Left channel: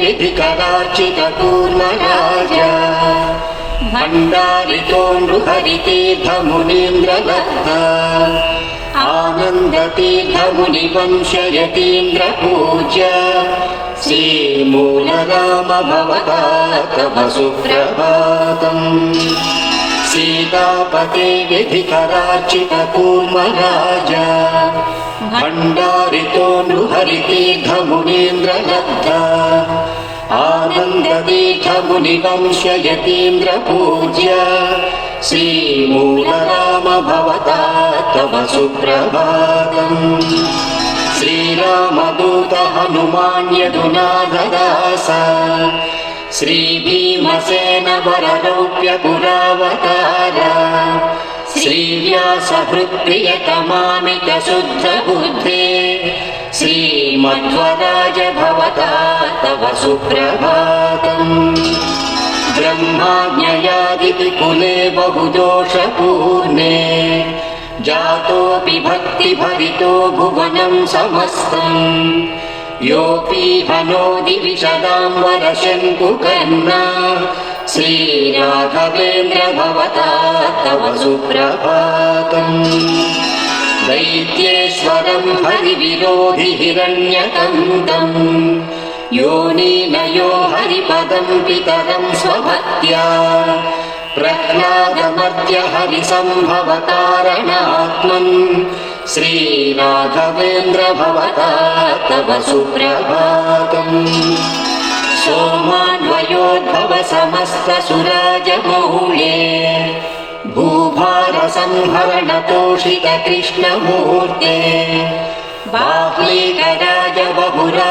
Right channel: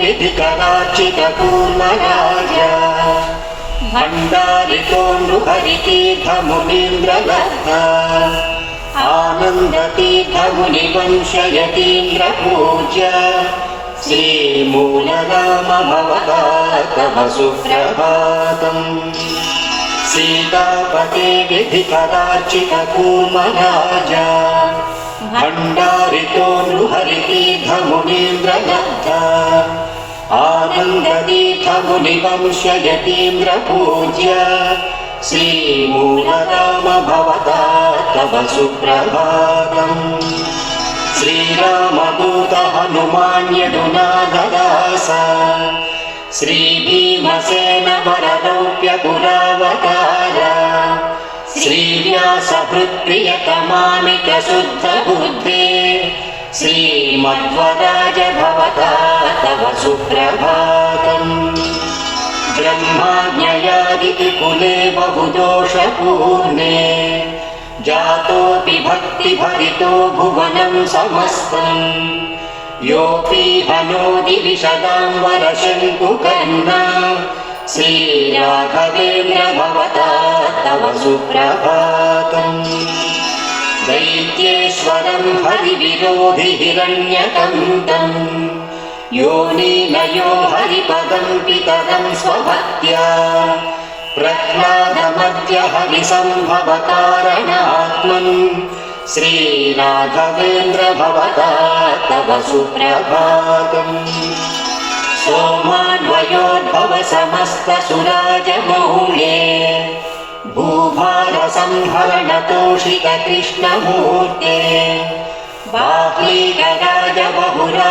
विधिकरार्चितकूर्मराजा भण्डारितो नृहरितीर्थमुनीन्द्रलब्धा आनन्दतीर्थमुनिवंशयतीन्द्रपूज्य श्रीमूलराम भवता तव सुप्रभातम् सीतापते विधिकरार्चितकूर्मराजा भण्डारितो आनन्दतीर्थमुनिवंशयतीन्द्रपूज्य श्रीमूलराम भवता तव सुप्रभातम्। श्रीरामदूत हनुमान्यदुनाददास श्रीभीमसेन वरदौप्यपुरावतार श्रीव्यासहृत्प्रियतमामिक शुद्धबुद्धे श्रीमध्वराज भवता सुप्रभातम्। ब्रह्माज्ञयादिकुले बहुदोषपूर्णे। जातोऽपि भक्तिभरितो भुवनं समस्तम्। योऽपि हनोदि विशदाम्बरशङ्कुकर्णा श्रीराघवेन्द्र भवता तव सुप्रभातम्। दैत्येश्वरं हरिविरोधि हिरण्यकन्दम् योनीनयो हरिपदं पितरं स्वभक्त्या। प्रह्लादमद्य हरिसम्भवकारणात्मन् श्रीराघवेन्द्र भवता तव सुप्रभातम्। सोमान्वयोद्भव समस्तसुराजमौळे भूभारसंहरणतोषित कृष्णमूर्ते बाह्लीकराज बहुरा